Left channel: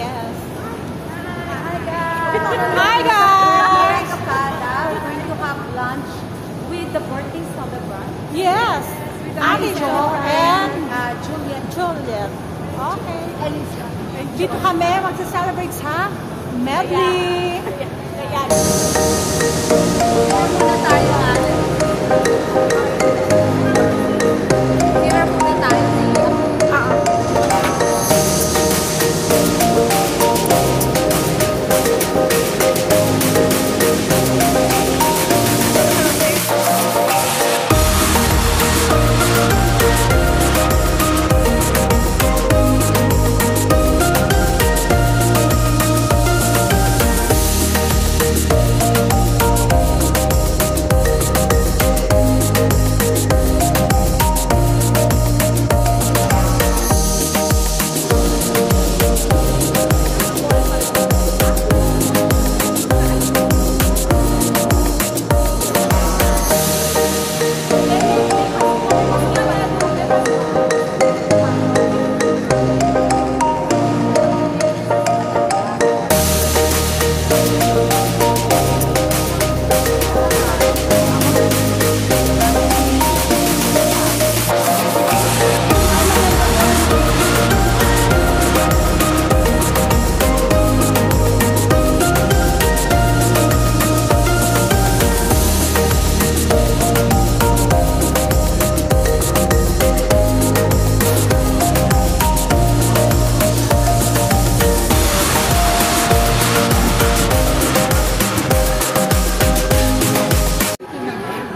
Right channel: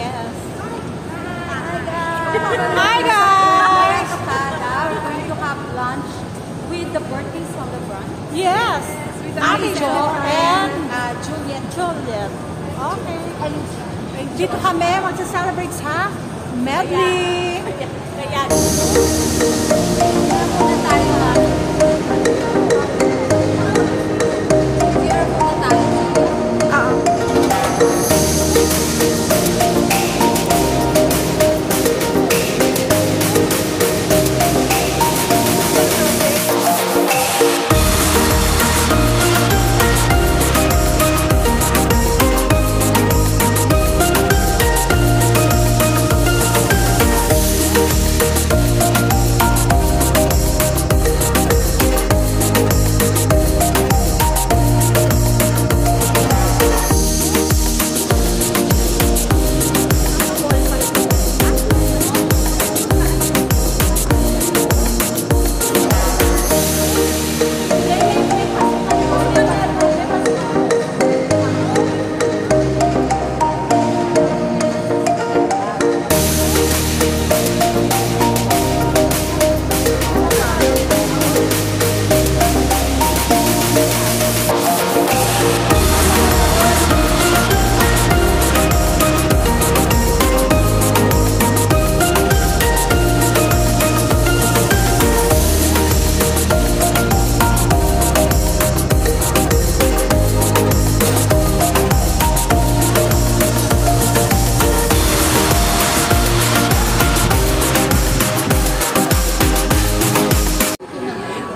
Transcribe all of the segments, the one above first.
yes. Hi guys! Hi guys! We're going to have lunch with the birthday celebrant. Yes. Ate Jo and Juliet. Okay. Dito kami magsa-celebrate sa medley. Kaya muna tayo Here muna tayo.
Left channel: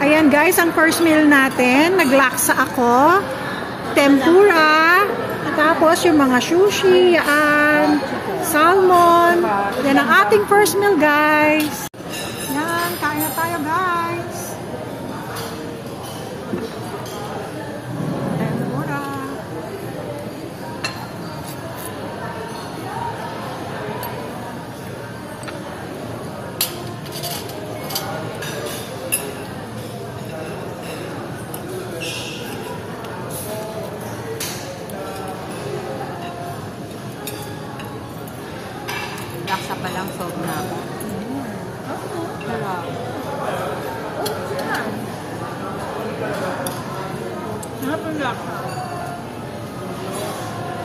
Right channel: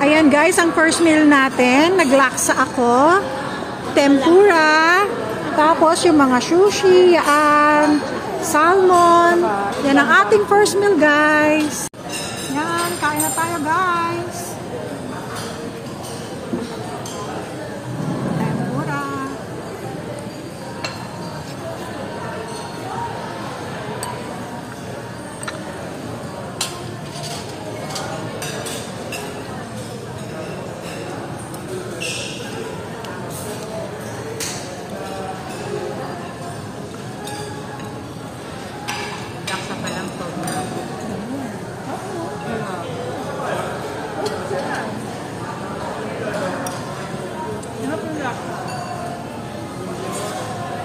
Ayan guys, ang first meal natin, naglaksa ako, tempura, tapos yung mga sushi, yan, salmon, yan ang ating first meal guys. Yan, kain na tayo guys. Tempura.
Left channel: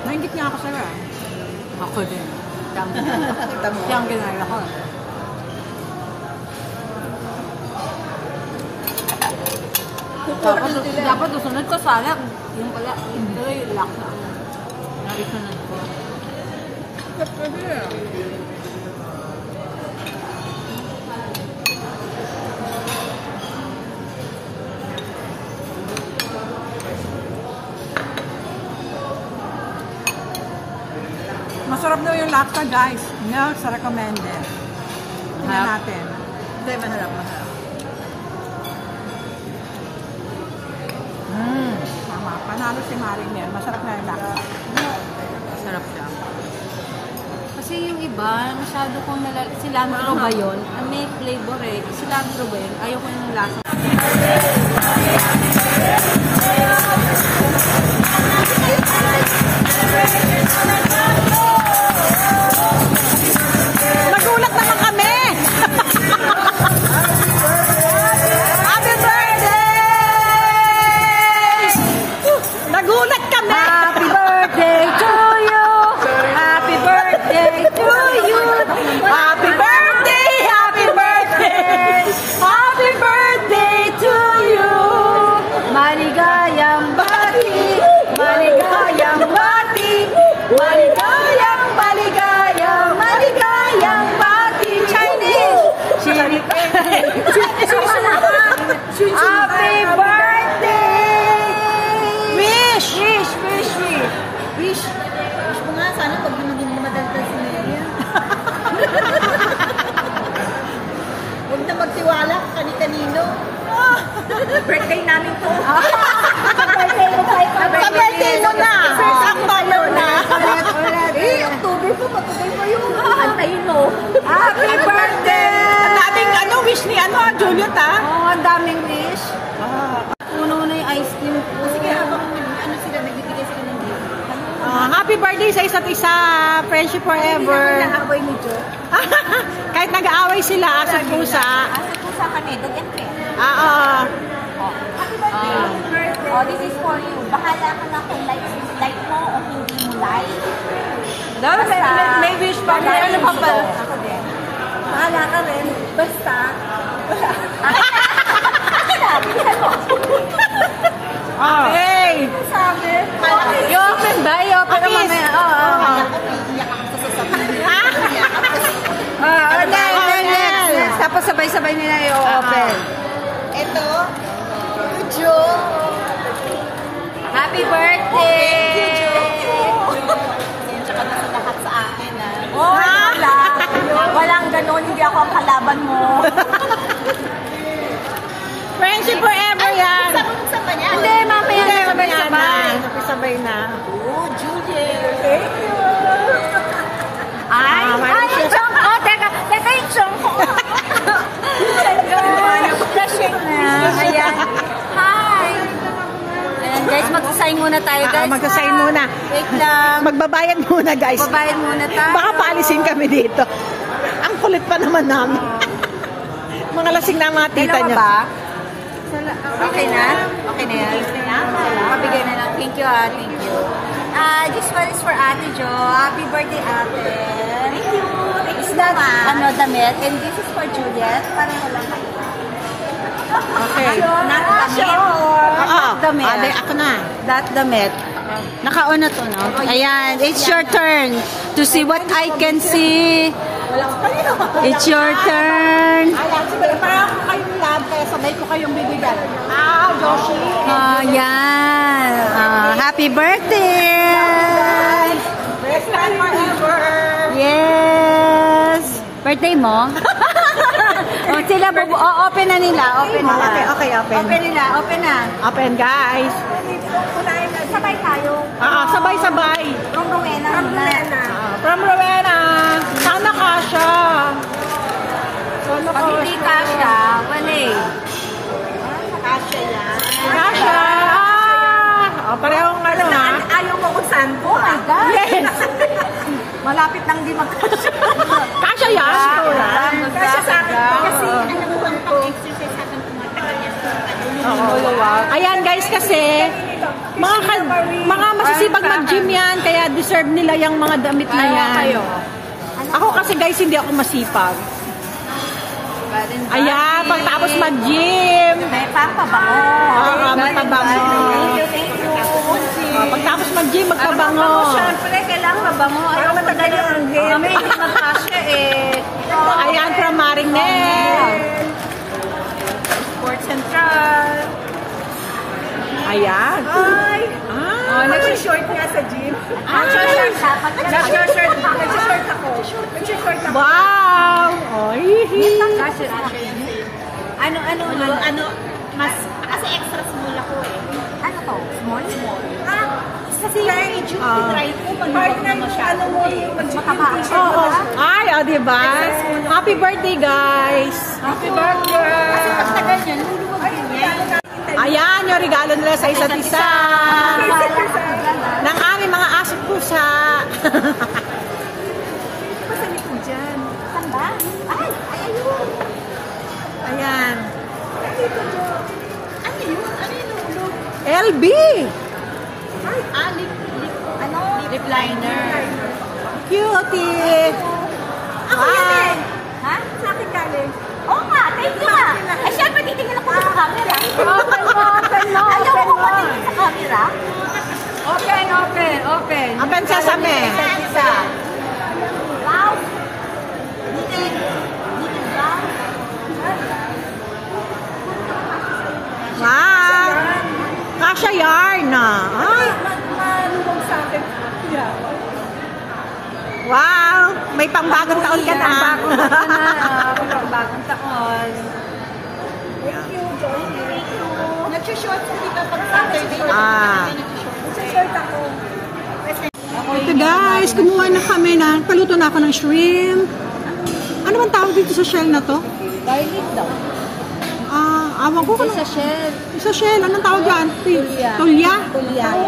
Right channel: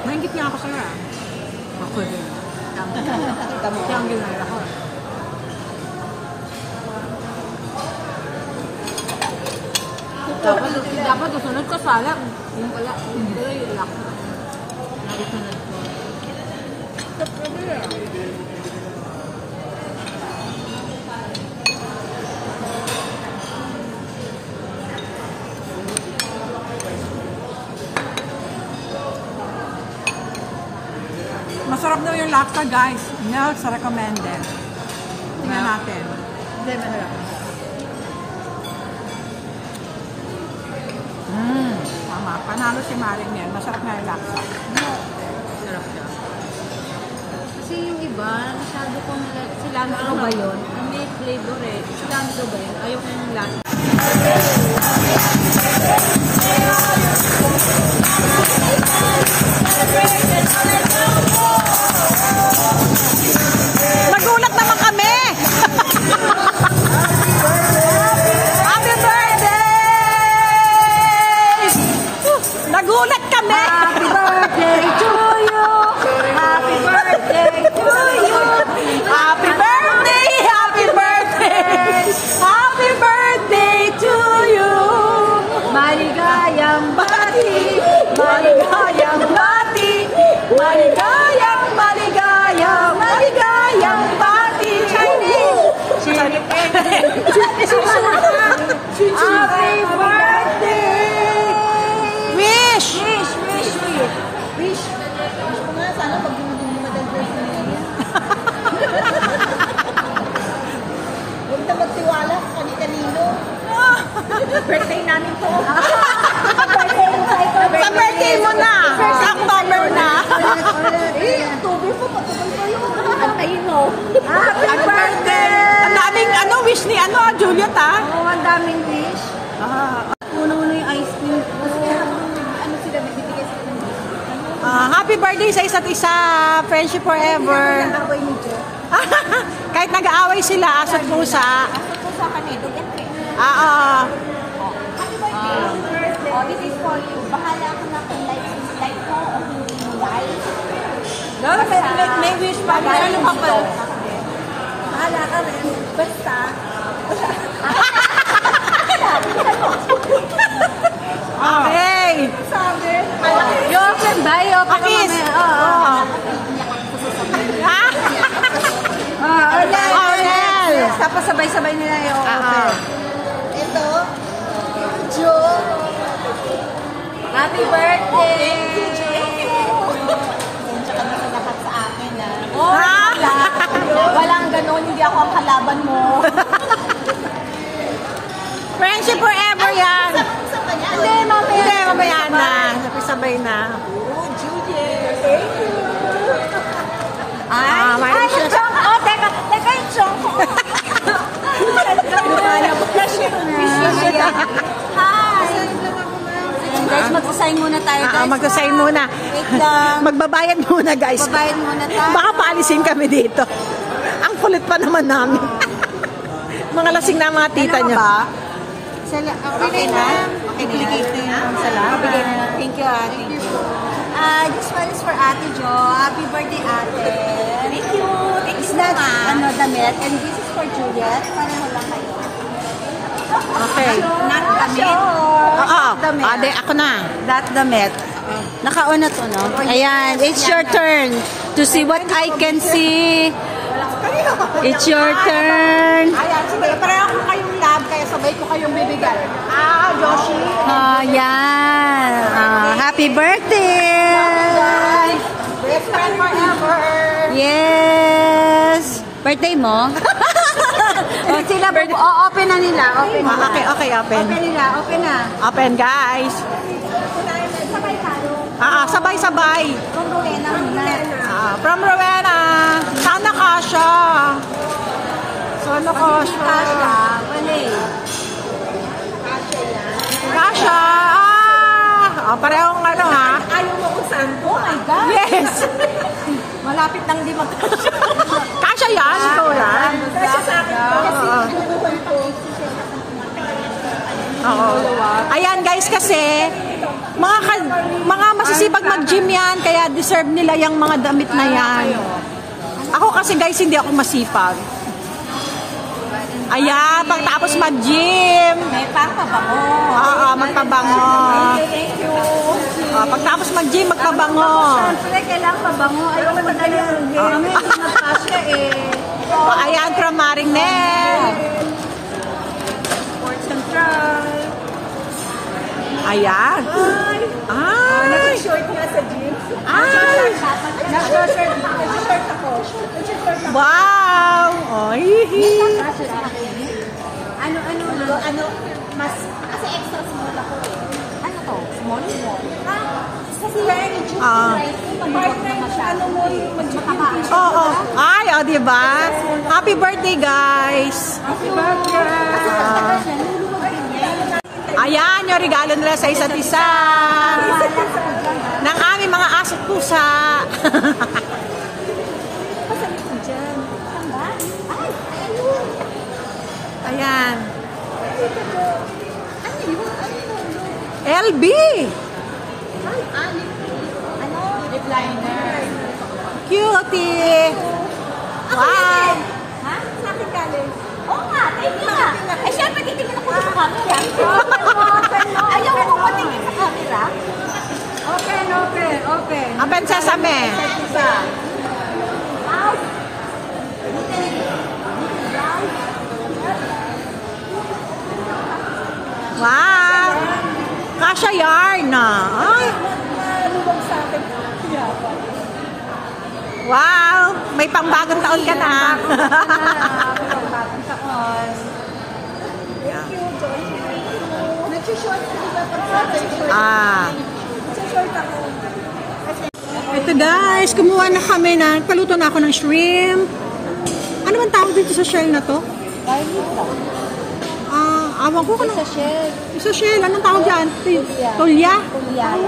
Nainggit niya ako sa'yo ah. Ako din. Siyang ginaya ako. Dapat usunod ko sana. Yung pala, yung lang. Nagisunod ko. Masarap daw yung laksa guys. No, sa recommended. Tingnan natin. Hindi, maharap. Tama. Panalo si Maring yan. Masarap na yung laksa. Masarap siya. Kasi yung iba, masyado ko cilantro ba yun? May flavor eh. Cilantro ba yun? Ayaw ko yung lasa. Nagulat naman kami! Happy birthday! Nagulat kami! Happy birthday to you! Happy birthday to you! Happy birthday! Happy birthday! Happy birthday to you! Maligayang bati! Maligayang bati! Maligayang, maligayang, maligayang bati! Happy birthday! Wish! Wish ko nga, sana pag dinudin mo madagdag si Maya. Huwag na magtiwala kani-kanino. Birthday namin to. Sa birthday mo na! Sa October na! October pa, patuloy mo yun. Antayin mo. Happy birthday! Ang daming wish ni Juliet ah! Oo, ang daming wish. Una-una yung ice cream. Kasi habang sila, nagbibigay sila ng wish. Happy Happy birthday sa isa't isa. Friendship forever. Nag-away ni Jo. Kahit nag-aaway sila, aso't pusa. Aso't pusa kami, dog and cat. Oo. Happy birthday. Happy birthday. Oh, this is for you. Bahala ka na kung like mo o hindi mo like. Basta, may wish pa. Ako din. Bahala ka rin. Basta. Okay. Sabi. Yung bayo. Pakis. Oo. Ha? Ornel. Tapos sabay-sabay nila yung open. Ito. Jo. Happy birthday. Thank you, Jo. Tsaka na sa lahat sa akin, oh, walang ganon, hindi ako ang kalaban mo. Friendship forever yan. Hindi, mamaya na. Sabay na. Oh, Juliet. Thank you. Ay, Chong. Oh, teka yung Chong ko. Ayan. Hi. Ayan, guys, magsasign muna tayo, guys. Magsasign muna. Wait lang. Magbabayad muna, guys. Magbabayad muna tayo. Baka paalisin kami dito. Ang kulit pa naman namin. Mga lasing na mga tita niya. Ba? Okay na? Okay na yan? Mabigay na lang. Thank you, Thank you. This one is for Ate Jo. Happy birthday, Ate. Thank you. It's not, damit. And this is for Juliet. Pareho lang kayo. Okay. Not damit. Oo. Ako na. That damit. Naka-on na to, no? Ayan. It's your turn to see what I can see. It's your turn. Ayan, sige. Pareho ko kayong lab, kaya sabay ko kayong bibigyan. Joshi. Ayan. Happy birthday! Best time forever. Yes! Birthday mo? Sila, open na nila. Open na. Okay, open. Open nila, open na. Open, guys. Sabay tayo. Sabay-sabay. From Rowena. From Rowena. Sana kasha. Solo kasha. Kasha. Parehong ha? Ayaw mo kung saan ko. Oh my God. Yes. Malapit lang di magkasya. Kasha yan. Ikaw yan. Kasya sa akin pa. Kasi inubuhan ko. Ayan guys, kasi mga masisipag mag-gym yan, kaya deserve nila yung mga damit na yan. Ako kasi guys, hindi ako masipag. Ayan, pagtapos mag-gym. May pampabango. Magpabango. Pagtapos mag-gym, magpabango. Pala kailangan pabango. Para matagal yung anghel. May magkasya Ayan, from Marinel. Sports Central. Ayan. Nag-short nga sa gym. Nag-short ako. Wow! Ano, mas, kasi extra small ako eh. Ano to? Small? Kasi yung partner mo, ano mo yung mag-gym. Diba? Happy birthday, guys! Happy birthday! Kasi pagtagal yan, ayan, yung regalo nila sa isa't isa. Ng aming mga aso't pusa. pasalit mo dyan. Saan ba? Ay, ayun. Ayan. Dito, Jo. Ano yun? LB! Lip liner. Cutie! Wow! Ha? Sa akin galing. Oo nga, thank you nga. Ay, syempre, titingin ako sa camera. Ayaw ko patingin sa camera. Open. Open sesame. Wow. Wow! Kasha yarn na. Malubog sa akin. Wow! May pangbagong taon ka na. Pangbagong taon. Thank you, Josie. Nag-short ka dito pag nag-short ako. Ito guys, kumuha na kami na, paluto na ako ng shrimp. Ano bang tawag dito sa shell na to? Garlic daw. Awan ko Sa shell. Sa shell, anong tawag dyan? Tulya?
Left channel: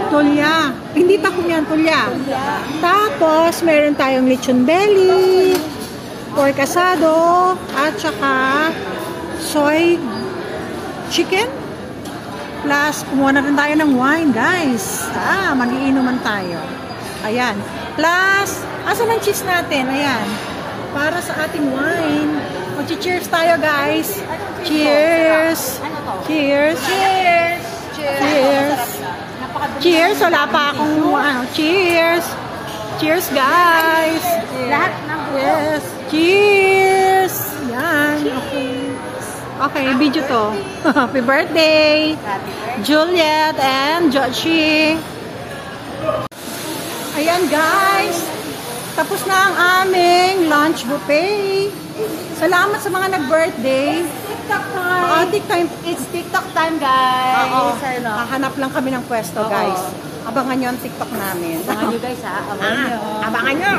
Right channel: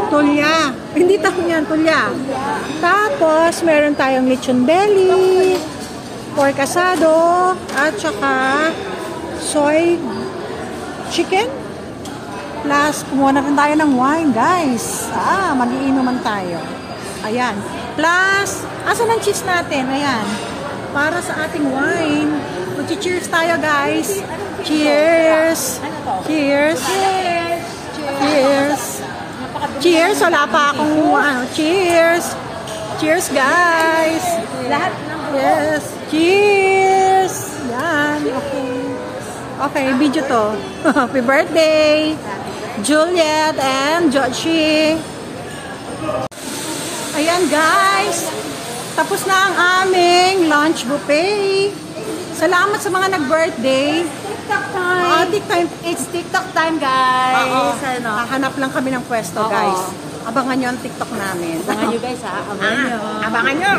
Tulya. Hindi tahong yan, tulya. Tapos, meron tayong lechon belly, pork asado, at saka soy chicken. Plus, kumuha na rin tayo ng wine, guys. Mag-iinuman tayo. Ayan. Plus, asan ang cheese natin? Ayan. Para sa ating wine. Mag-cheers tayo, guys. Cheers! Cheers! Cheers! Cheers! Cheers! Wala pa akong cheers! Cheers, guys! Lahat ng Yes! Cheers! Yan. Okay. Okay, video to. Happy birthday! Juliet and Joshi. Ayan, guys. Tapos na ang aming lunch buffet. Salamat sa mga nag-birthday. TikTok time. TikTok. It's TikTok time, guys. Oo. Ano? Hahanap lang kami ng pwesto, guys. Abangan nyo ang TikTok namin. Abangan nyo, guys, ha? Abangan nyo. Abangan nyo.